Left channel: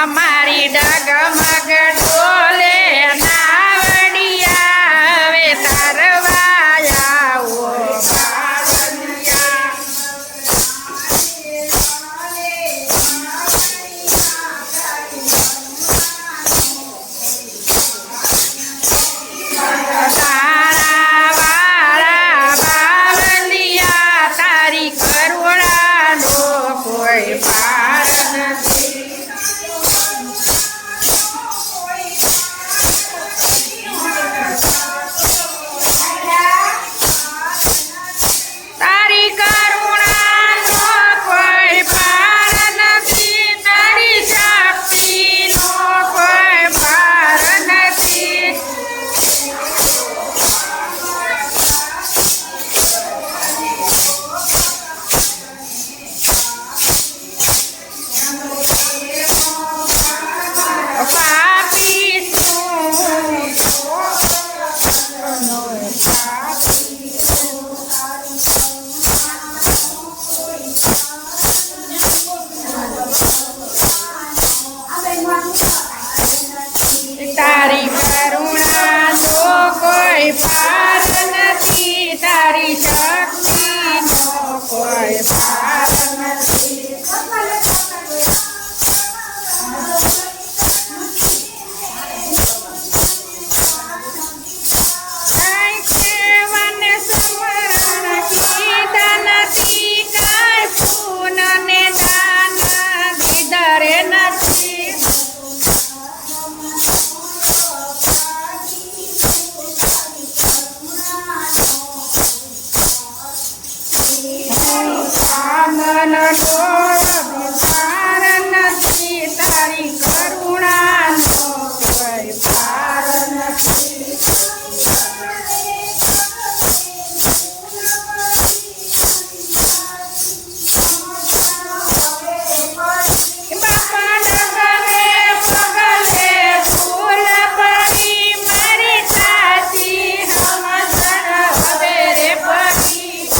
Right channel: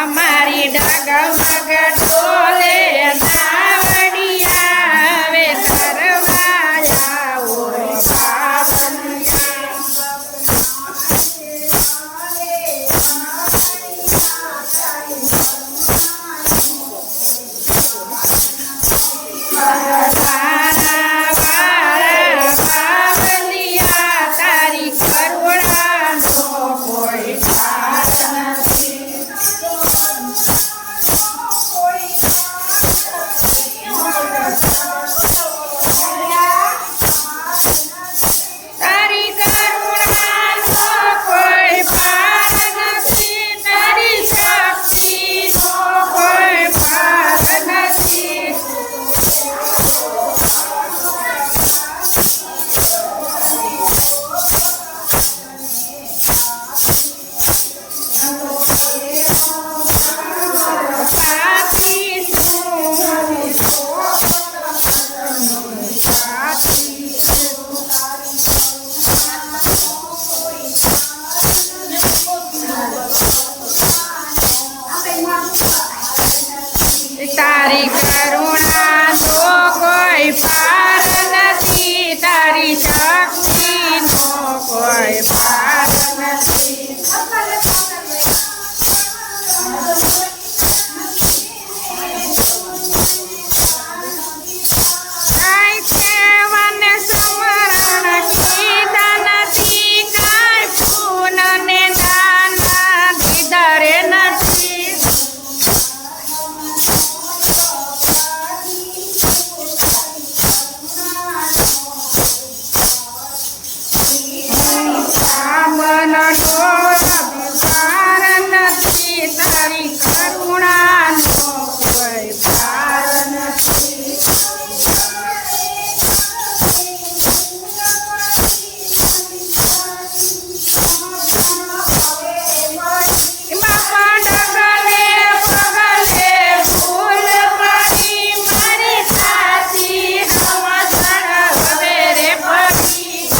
અમારી ડગમગ ડોલે નાવડિયા હવે તારવાયા ઓ બાવલિયા તારા વાળા બાવલિયા તારી કરુણાનો કોઈ પાર નથી તારી કરુણાનો કોઈ પાર નથી તારી શક્તિનો કોઈ પાર નથી પાપી શું તારી કરુણાનો કોઈ પાર નથી તારી શક્તિનો કોઈ પાર નથી કાંઈ સેવન સ્મરણ કીધા નથી કાંઈ પૂન ને દાન દીધરે નથી મનનો અભિસાર નથી તારી કરુણાનો કોઈ પાર નથી બાપા ડગલે પગલે ભૂલ પડી મારી સાચી હમસણ હવે રે પડી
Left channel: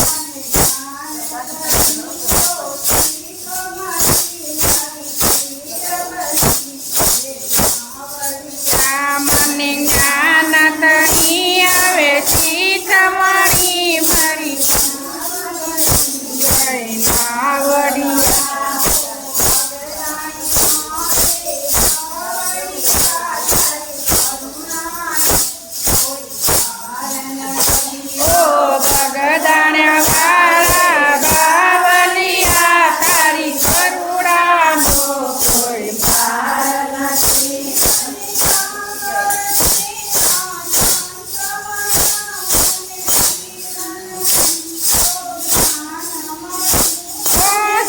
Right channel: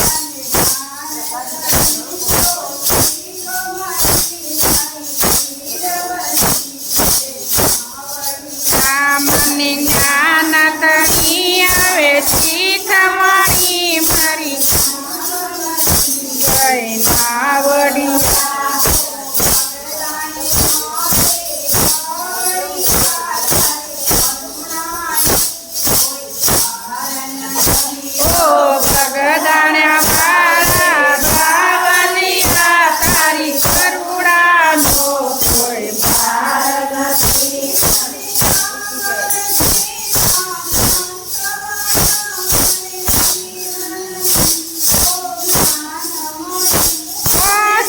મને જ્ઞાન તણી આવે શીખમણી મારી જય નાવડિયા ઓ બગદાણા વાળા બાવલિયા તારી કરુણાનો કોઈ પાર નથી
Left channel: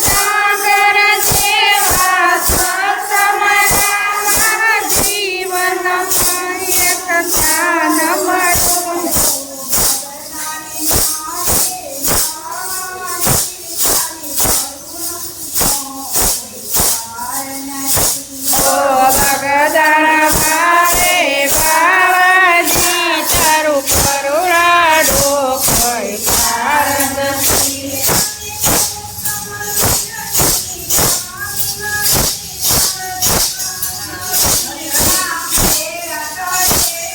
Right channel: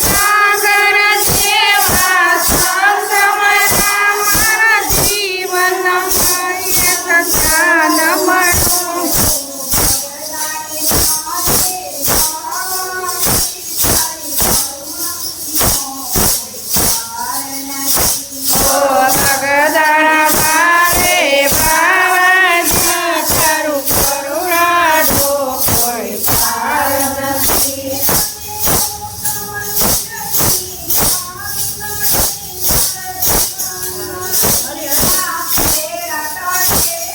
સાગર જેવા સંગમના મારા જીવનમાં એક સ્થાન મળ્યું ઓ બગદાણા વાળે બાવાજી તારું કરુણાનો કોઈ પાર નથી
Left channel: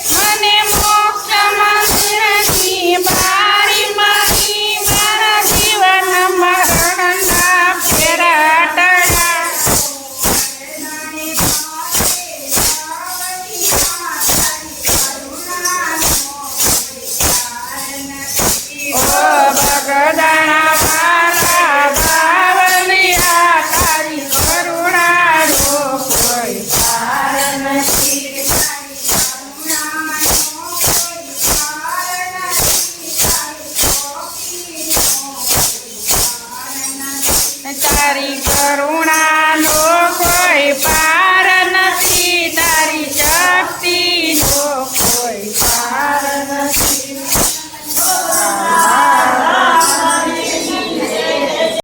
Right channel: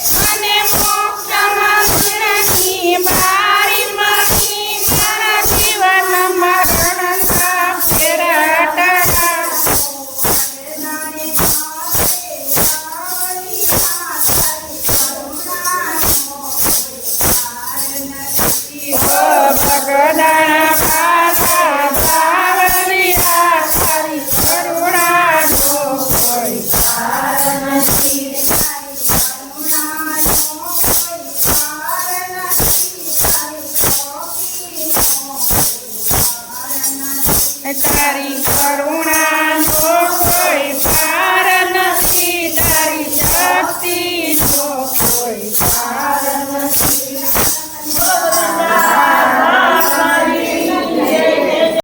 મને મોક્ષ મંદિરની બારી મળી મારા જીવન મરણના ફેરા ટળ્યા ઓ બગદાણા વાળા બાવલિયા તારી કરુણાનો કોઈ તારી કરુણાનો કોઈ પાર